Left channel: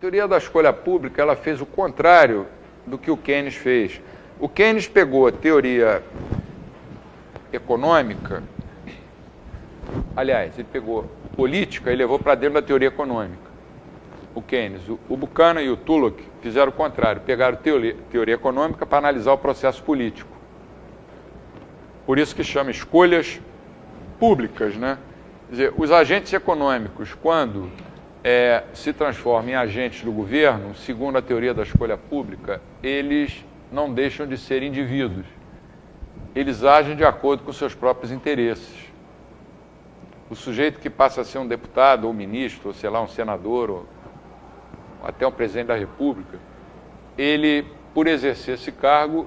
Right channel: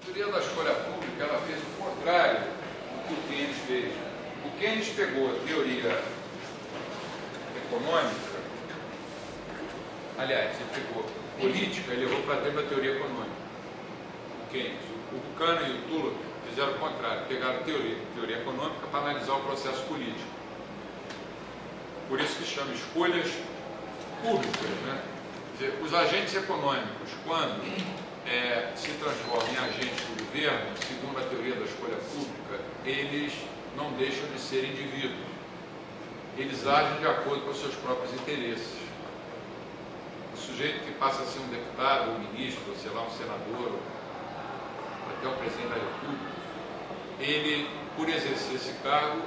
teoria da escolha pública, ela fez o contrário do que o Keynes fez. O Keynes pegou a teoria econômica, aliás, ele pegou política e levou para dentro da teoria econômica. O Keynes, o Buchanan e o Tulloch fizeram o contrário, pegaram teoria econômica para analisar o processo político. Por isso que chama escolhas públicas, né? Quer dizer, os agentes econômicos, quando se transformam em agentes do governo, segundo a teoria da escolha pública, eles não deixam de ser indivíduos. Eles agem de acordo com os seus próprios interesses. O sujeito que passa a ser um deputado, ou um ministro, ou sei lá, um senador, ou até um presidente da República, ele, por exercer esse cargo,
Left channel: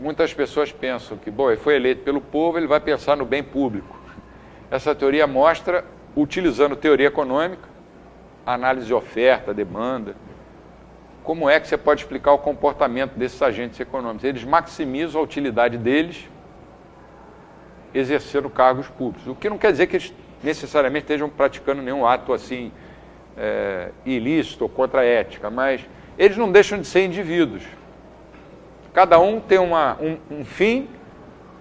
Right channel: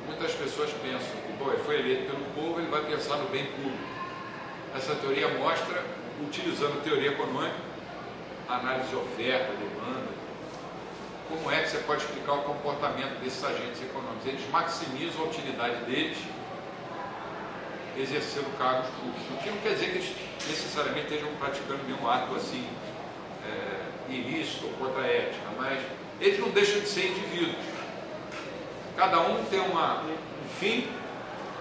muitas pessoas pensam que, bom, ele foi eleito pelo povo, ele vai pensar no bem público. Essa teoria mostra, utilizando teoria econômica, análise de oferta, demanda, como é que você pode explicar o comportamento desses agentes econômicos. Eles maximizam a utilidade deles exercendo cargos públicos. O que não quer dizer que eles necessariamente estejam praticando nenhum ato assim ilícito ou contra a ética, mas eles não deixam de ser indivíduos. Cada um tem um fim,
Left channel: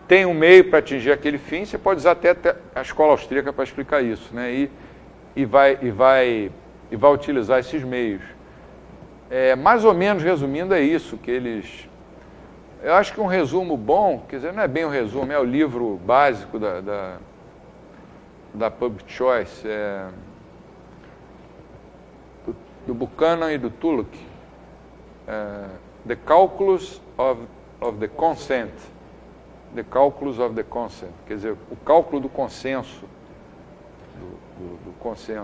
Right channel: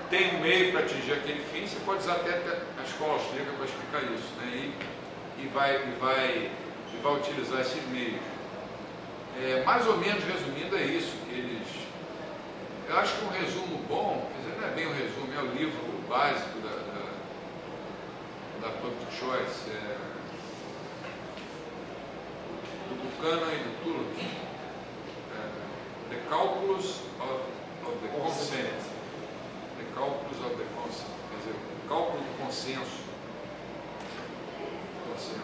tem um meio para atingir aquele fim. Você pode usar até a escola austríaca para explicar isso, né? E vai utilizar esses meios. Mais ou menos resumindo, é isso que eles... Eu acho que um resumo bom, quer dizer, não é bem um resumo, é o livro básico da Public Choice, do Buchanan e do Tulloch, The Calculus of the Consent. The Calculus of the Consent, quer dizer, o cálculo do consenso. Do consenso.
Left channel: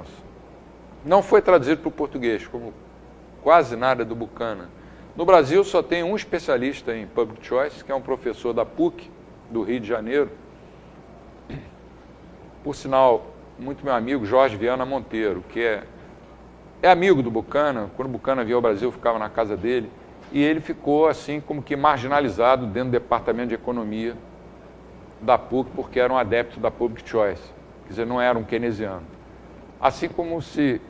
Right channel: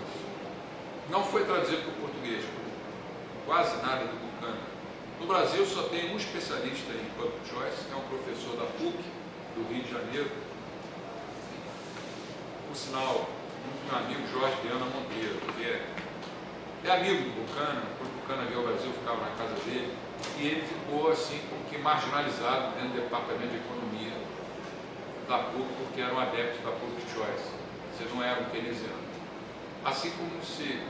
Não foi traduzido para o português, como quase nada do Buchanan. No Brasil só tem um especialista em Public Choice, que é um professor da PUC, do Rio de Janeiro. Por sinal, muito meu amigo Jorge Viana Monteiro, que é amigo do Buchanan. Quando o Buchanan veio ao Brasil, ficava na casa dele. E ele ficou assim como que marginalizado dentro do departamento de economia da PUC, porque era um adepto da Public Choice. Quer dizer, não era um keynesiano. Assim como se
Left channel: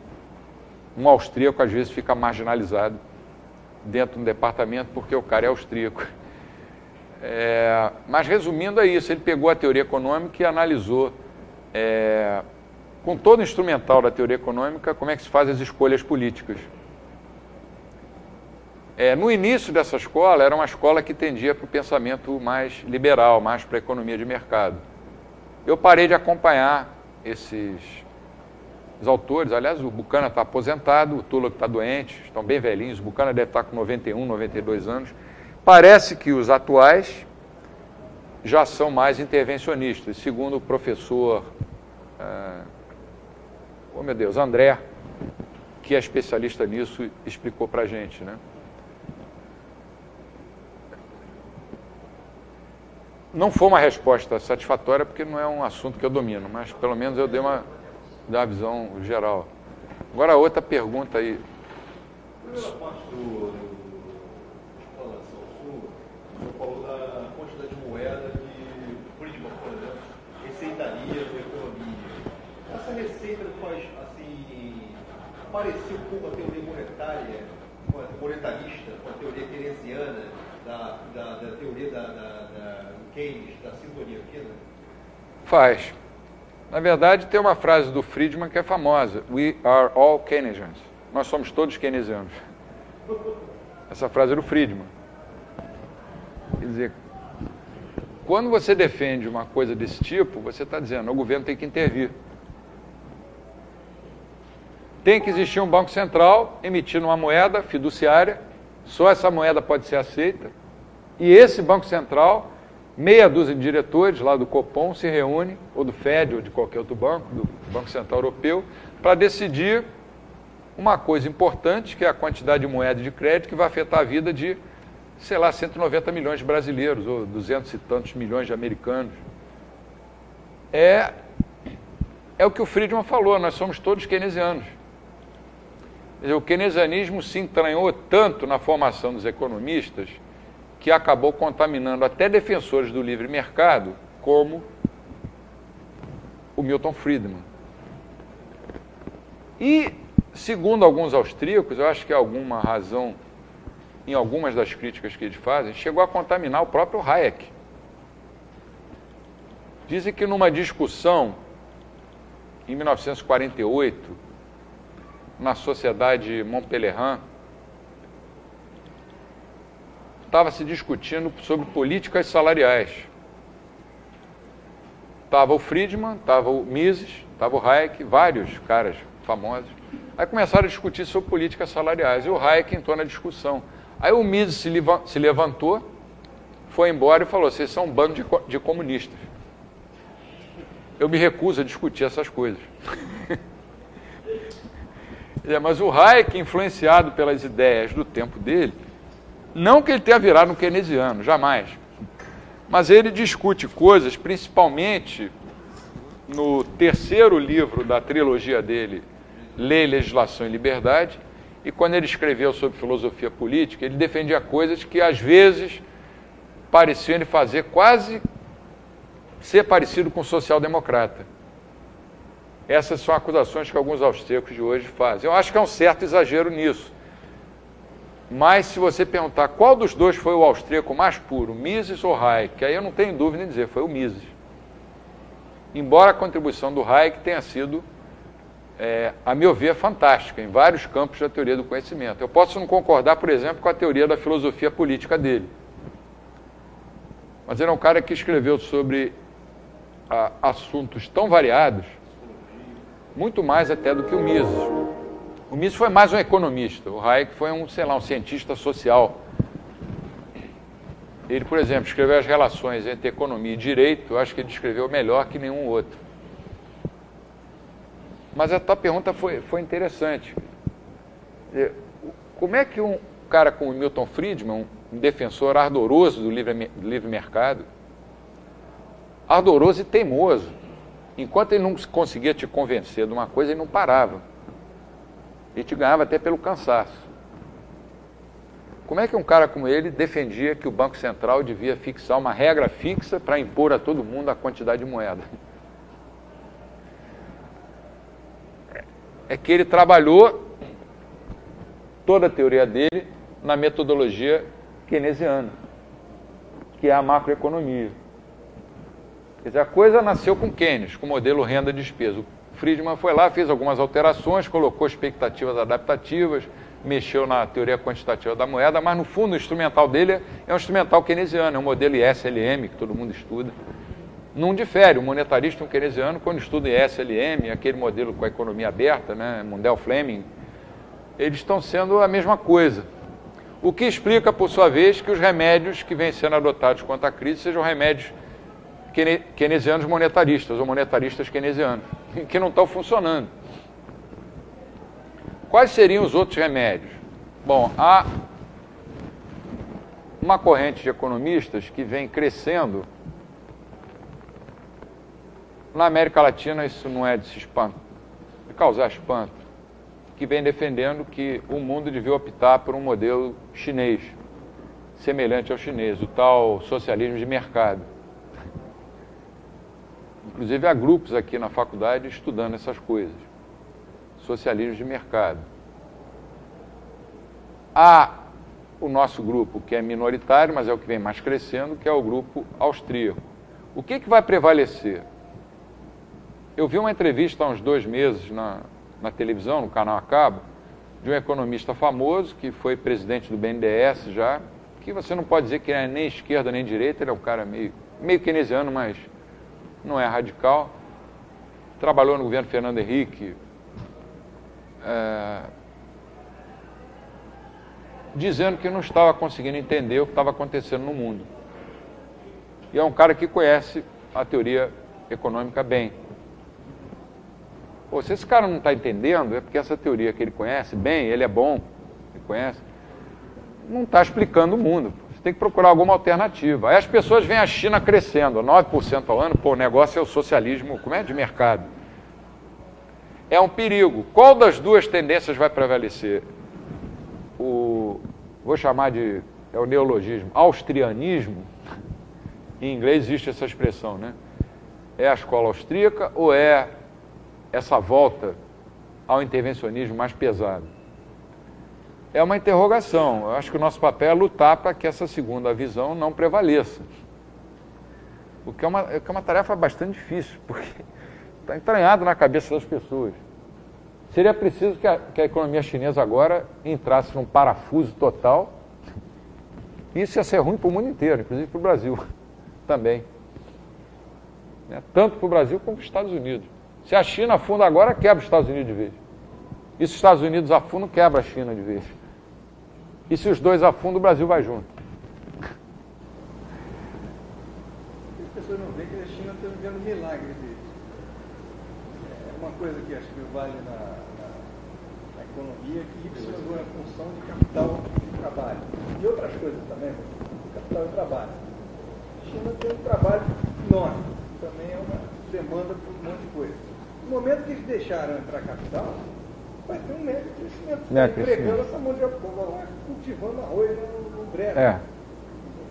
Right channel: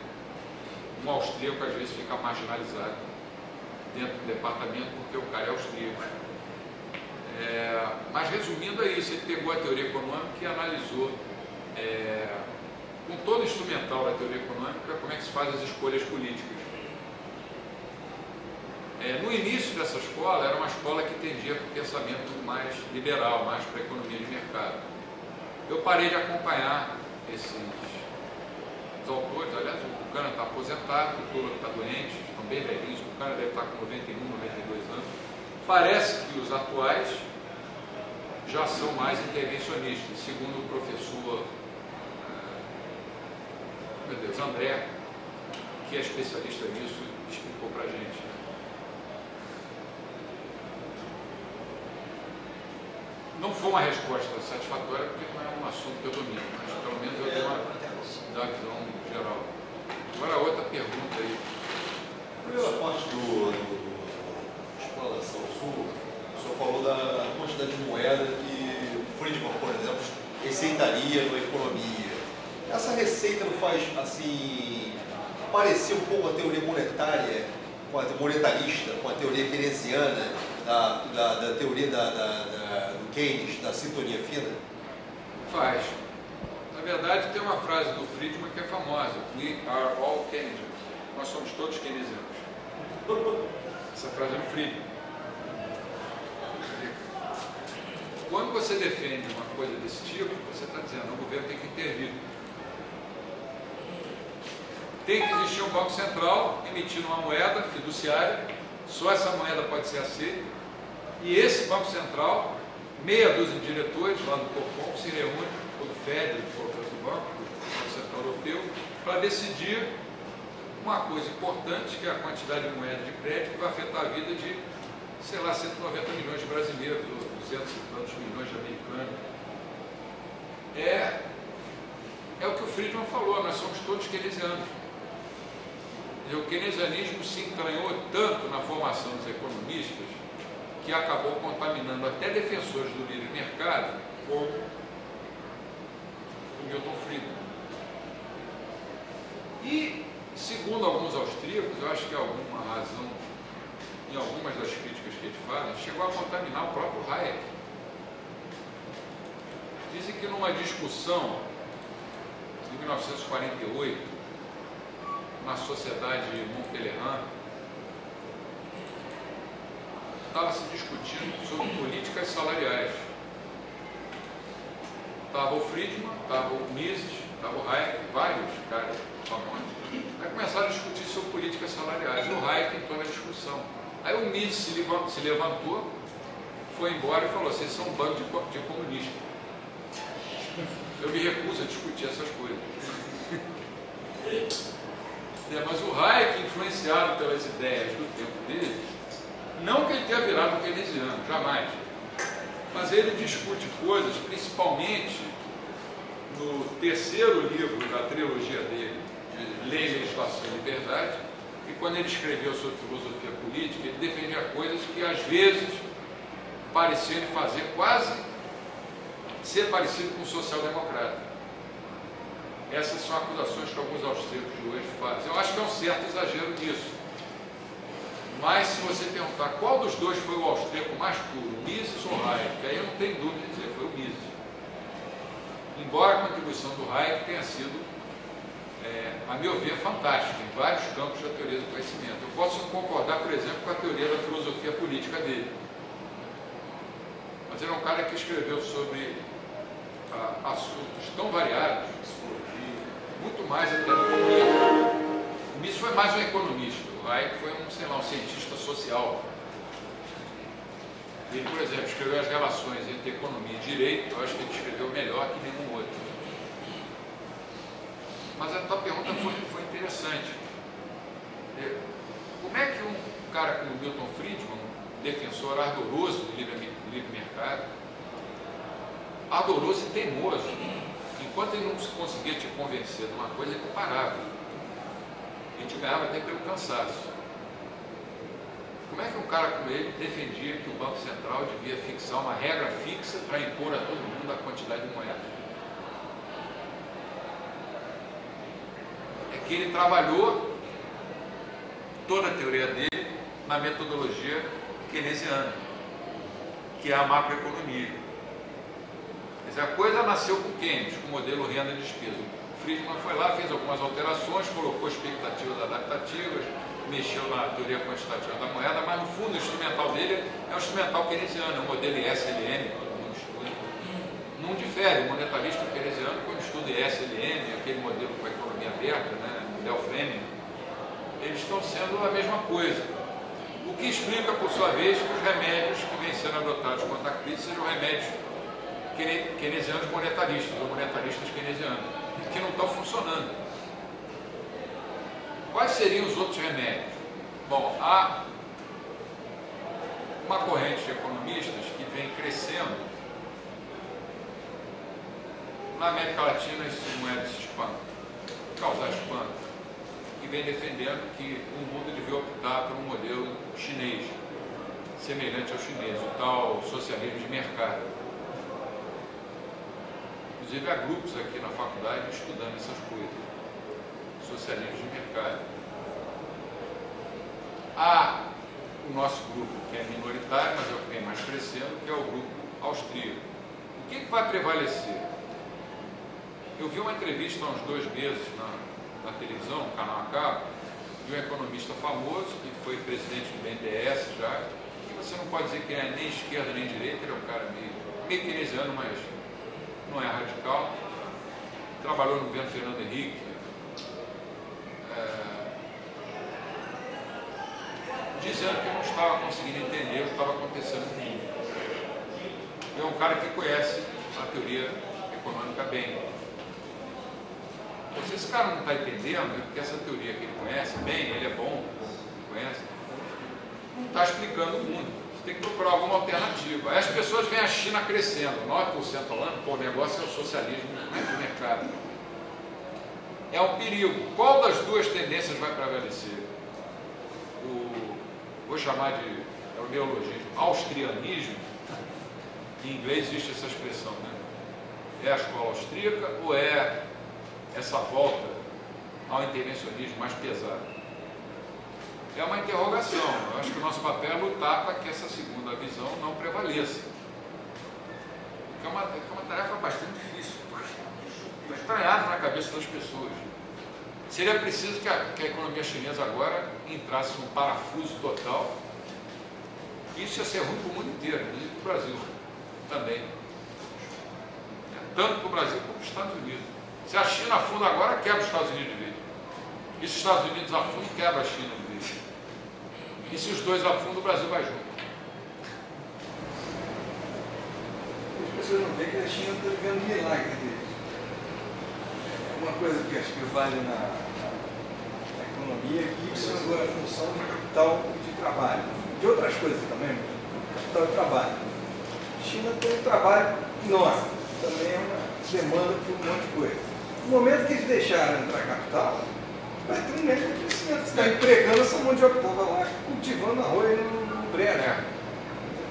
um austríaco às vezes fica marginalizado dentro do departamento porque o cara é austríaco. Mas resumindo é isso, ele pegou a teoria econômica e analisou com todo o instrumental da teoria econômica como é que se faz as escolhas políticas. No início dessa escola, era uma escola que tendia para o pensamento mais liberal, mais para a economia de mercado. Eu parei de acompanhar os autores. Aliás, o Buchanan está aposentado, o Tulloch está doente, estão bem velhinhos. O Buchanan deve estar com 91, 92 anos. Parece que os atuais já são mais intervencionistas, segundo o professor André, que é especialista nisso, explicou para a gente, né? Não foi uma resposta satisfatória, porque não é um assunto que eu domino, mas pelo menos eu dei uma visão geral. Agora, outra pergunta aí. Na primeira parte do Exploração Sul, o senhor falou da quantidade de moeda que o Friedman, por exemplo, receitaria na economia. Essa receita não faz, assim, parecer um pouco a teoria monetária, monetarista, com a teoria keynesiana, da teoria do Keynes, da sintonia fina? Faz. Na verdade, tem uma frase do Friedman que é famosa: We are all Keynesians. Nós somos todos keynesianos. Essa frase é do Friedman. Quer dizer, quando você defende uma coisa desse tipo, você está dizendo, o governo tem que intervir. Tem que existir um banco central emitindo uma moeda fiduciária, só essa moeda pode ser aceita, e esse banco central, meia dúzia de diretores lá do Copom se reúne, ou do FED, ou de qualquer outro banco, do Banco Central Europeu, para decidir uma coisa importante, que é a quantidade de moeda de crédito que vai afetar a vida de, sei lá, 190 milhões de brasileiros, ou 200 e tantos milhões de americanos. É o que o Friedman falou, nós somos todos keynesianos. O keynesianismo se entranhou tanto na formação dos economistas que acabou contaminando até defensores do livre mercado, como o Milton Friedman. E segundo alguns austríacos, eu acho que há alguma razão em algumas das críticas que eles fazem, chegou a contaminar o próprio Hayek. Dizem que numa discussão em 1948, na Sociedade Montpellier, estava se discutindo sobre políticas salariais. Estava o Friedman, estava o Mises, estava o Hayek, vários caras famosos. Aí começaram a discutir sobre políticas salariais e o Hayek entrou na discussão. Aí o Mises se levantou, foi embora e falou: vocês são um bando de comunistas. Eu me recuso a discutir essas coisas. Mas o Hayek, influenciado pelas ideias do tempo dele, não que ele tenha virado um keynesiano, jamais. Mas ele discute coisas, principalmente no terceiro livro da trilogia dele, Lei, Legislação e Liberdade, e quando ele escreveu sobre filosofia política, ele defendia coisas que às vezes pareciam ele fazer quase ser parecido com social-democrata. Essas são acusações que alguns austríacos de hoje fazem. Eu acho que há um certo exagero nisso. Mas se você perguntar qual dos dois foi o austríaco mais puro, Mises ou Hayek, aí eu não tenho dúvida em dizer, foi o Mises. Embora a contribuição do Hayek tenha sido, a meu ver, fantástica em vários campos da teoria do conhecimento. Eu posso não concordar, por exemplo, com a teoria da filosofia política dele. Mas ele é um cara que escreveu sobre assuntos tão variados, muito mais até do que o Mises. O Mises foi mais um economista, o Hayek foi um cientista social. Ele, por exemplo, escreveu as relações entre economia e direito, eu acho que ele escreveu melhor que nenhum outro. Mas a tua pergunta foi interessante. Como é que um cara como Milton Friedman, um defensor ardoroso do livre mercado, ardoroso e teimoso, enquanto ele não conseguia te convencer de uma coisa, ele não parava. Ele te ganhava até pelo cansaço. Como é que um cara como ele defendia que o Banco Central devia fixar uma regra fixa para impor a todo mundo a quantidade de moeda? É que ele trabalhou toda a teoria dele na metodologia keynesiana, que é a macroeconomia. Quer dizer, a coisa nasceu com Keynes, com o modelo renda-despesa. O Friedman foi lá, fez algumas alterações, colocou expectativas adaptativas, mexeu na teoria quantitativa da moeda, mas no fundo o instrumental dele é um instrumental keynesiano, é um modelo ISLM, que todo mundo estuda. Não difere o monetarista e o keynesiano quando estuda ISLM, aquele modelo com a economia aberta, né, Mundell Fleming, eles estão sendo a mesma coisa. O que explica, por sua vez, que os remédios que vêm sendo adotados contra a crise sejam remédios keynesianos monetaristas, ou monetaristas keynesianos, que não estão funcionando. Quais seriam os outros remédios? Bom, há uma corrente de economistas que vem crescendo. Na América Latina isso não é de se espanto, de causar espanto, que vem defendendo que o mundo devia optar por um modelo chinês, semelhante ao chinês, o tal socialismo de mercado. Inclusive há grupos aqui na faculdade estudando essas coisas, socialismo de mercado. Há o nosso grupo, que é minoritário, mas é o que vem mais crescendo, que é o grupo austríaco. O que vai prevalecer? Eu vi uma entrevista há uns 2 meses na televisão, no canal a cabo, de um economista famoso, que foi presidente do BNDES já, e você não pode dizer que é nem esquerda nem direita, ele é um cara meio keynesiano, mas não é radical. Trabalhou no governo Fernando Henrique, dizendo que não estava conseguindo entender o que estava acontecendo no mundo. E é um cara que conhece a teoria econômica bem. Pô, se esse cara não está entendendo, é porque essa teoria que ele conhece bem, ele é bom, ele conhece, não está explicando o mundo. Você tem que procurar alguma alternativa. Aí as pessoas veem a China crescendo, 9% ao ano, pô, o negócio é o socialismo, como é, de mercado. É um perigo. Qual das duas tendências vai prevalecer? Vou chamar de, é o neologismo, austrianismo. Em inglês existe essa expressão, né? É a escola austríaca ou é essa volta ao intervencionismo mais pesado? É uma interrogação. Eu acho que o nosso papel é lutar para que essa segunda visão não prevaleça. Porque é uma tarefa bastante difícil, porque está entranhado na cabeça das pessoas. Seria preciso que a economia chinesa agora entrasse num parafuso total. Isso ia ser ruim para o mundo inteiro, inclusive para o Brasil também. Tanto para o Brasil como para os Estados Unidos. Se a China afunda agora, quebra os Estados Unidos de vez. E se os Estados Unidos afundam, quebra a China de vez. E se os dois afundam, o Brasil vai junto. As pessoas não veem que a China está vivendo milagre deles. É uma coisa que acho que vale na economia, que isso é agora função de capital de trabalho. De outras coisas também, capital de trabalho. A China tem um trabalho enorme, também é uma demanda por um monte de coisa. No momento que eles deixaram entrar capital, vai ter um médio crescimento. Você está empregando essa mão de obra que estava lá cultivando arroz no brejo.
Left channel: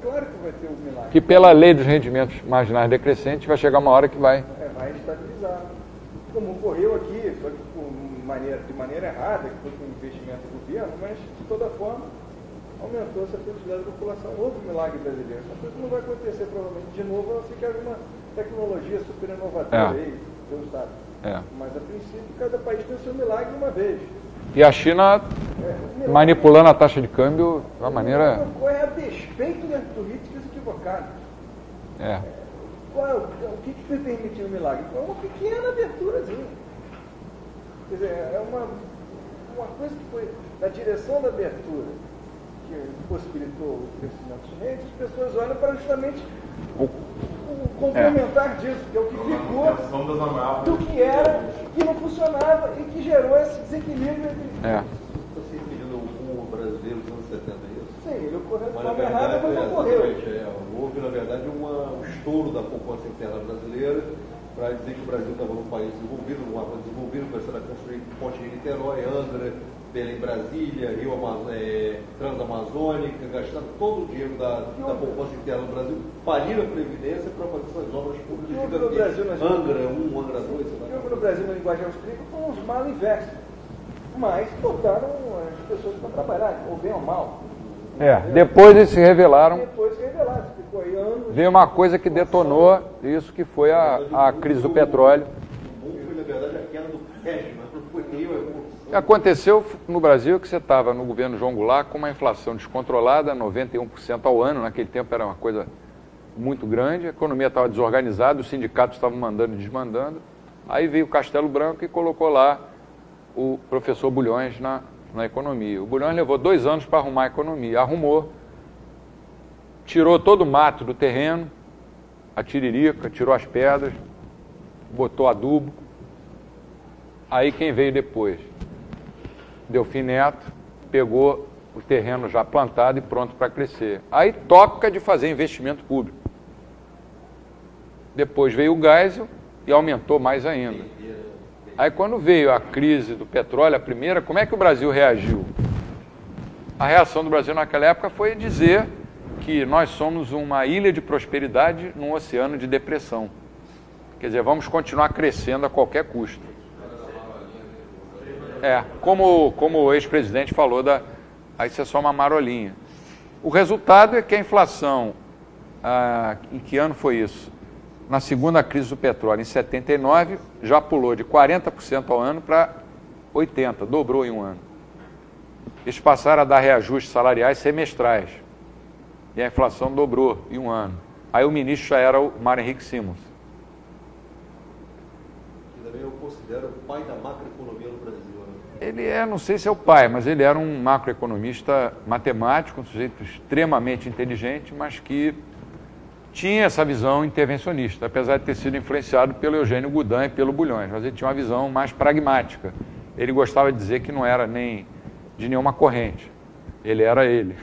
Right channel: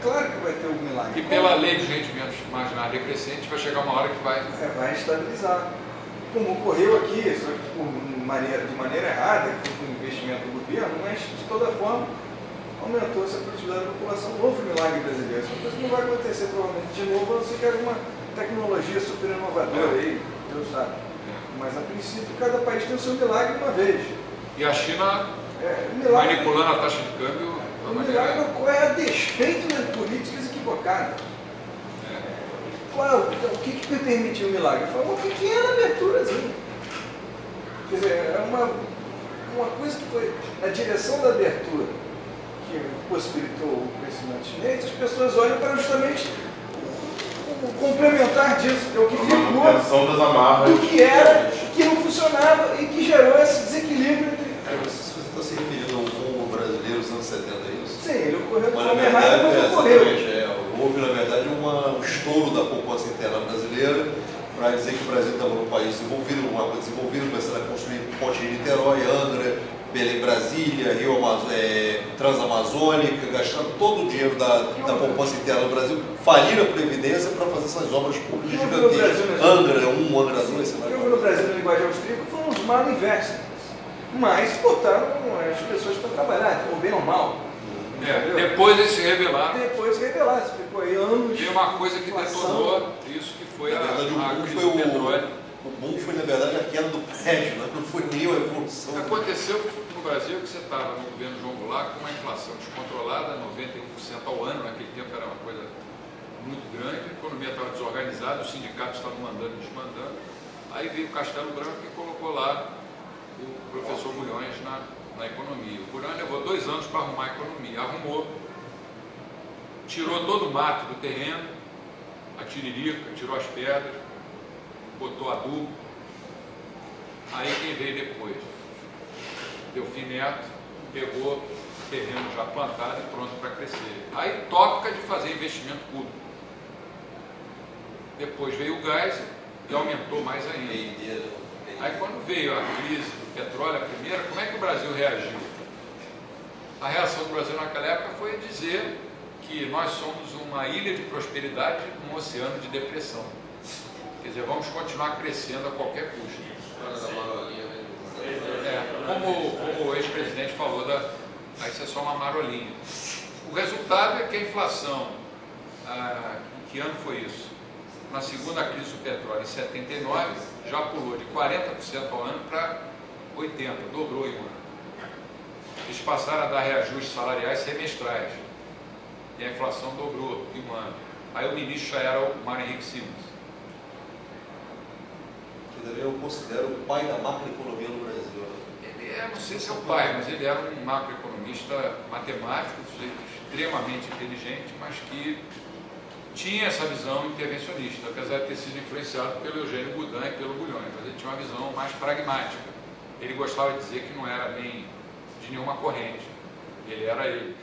Claro que vai ter um milagre. E pela lei dos rendimentos marginais decrescentes, vai chegar uma hora que vai... vai estabilizar. Como ocorreu aqui, só que de maneira errada, com investimento do governo, mas de toda forma aumentou essa produtividade da população. Novo milagre brasileiro. Isso não vai acontecer provavelmente de novo, a não ser que alguma tecnologia super inovadora aí, Deus sabe. Mas a princípio cada país tem o seu milagre uma vez. E a China manipulando a taxa de câmbio de uma maneira... É a despeito das políticas equivocadas. Então, o que permitiu o milagre? Foi uma pequena abertura. Assim. Quer dizer, é uma coisa que foi na direção da abertura que possibilitou o crescimento chinês. As pessoas olham para justamente o complementar disso, que é o que ficou do que era, que não funcionava e que gerou esse desequilíbrio entre... Você está se referindo ao povo brasileiro dos anos 70, é isso? Sim, ele ocorreu de forma errada, mas ocorreu. Houve, na verdade, um estouro da poupança interna brasileira para dizer que o Brasil estava num país desenvolvido, começando a construir ponte de Niterói, Angra, Belém, Brasília, Rio Transamazônica, gastando todo o dinheiro da poupança interna do Brasil, falir a Previdência para fazer essas obras públicas gigantescas. Angra 1, Angra 2, sei lá. O que no Brasil, na linguagem austríaca, foram os mal investem. Mas botaram as pessoas para trabalhar, ou bem ou mal. Depois eles se revelaram. Você ficou aí anos. Veio uma coisa que detonou isso, que foi a crise do petróleo. O bom foi, na verdade, a queda do prédio, não foi nem a evolução. Aconteceu no Brasil que você estava no governo João Goulart com uma inflação descontrolada, 91% ao ano, naquele tempo era uma coisa muito grande, a economia estava desorganizada, os sindicatos estavam mandando e desmandando. Aí veio o Castelo Branco e colocou lá o professor Bulhões na economia. O Bulhões levou 2 anos para arrumar a economia. Arrumou, tirou todo o mato do terreno, a tiririca, tirou as pedras, botou adubo. Aí quem veio depois? Delfim Neto pegou o terreno já plantado e pronto para crescer. Aí toca de fazer investimento público. Depois veio o Geisel e aumentou mais ainda. Aí quando veio a crise do petróleo, a primeira, como é que o Brasil reagiu? A reação do Brasil naquela época foi dizer que nós somos uma ilha de prosperidade num oceano de depressão. Quer dizer, vamos continuar crescendo a qualquer custo. Como o ex-presidente falou, aí isso é só uma marolinha. O resultado é que a inflação, em que ano foi isso? Na segunda crise do petróleo, em 79, já pulou de 40% ao ano para 80%, dobrou em um ano. Eles passaram a dar reajustes salariais semestrais. E a inflação dobrou em um ano. Aí o ministro já era o Mário Henrique Simons. Eu considero o pai da macroeconomia no Brasil. Ele não sei se é o pai, mas ele era um macroeconomista matemático, um sujeito extremamente inteligente, mas que tinha essa visão intervencionista, apesar de ter sido influenciado pelo Eugênio Goudin e pelo Bulhões, mas ele tinha uma visão mais pragmática. Ele gostava de dizer que não era nem de nenhuma corrente, ele era ele.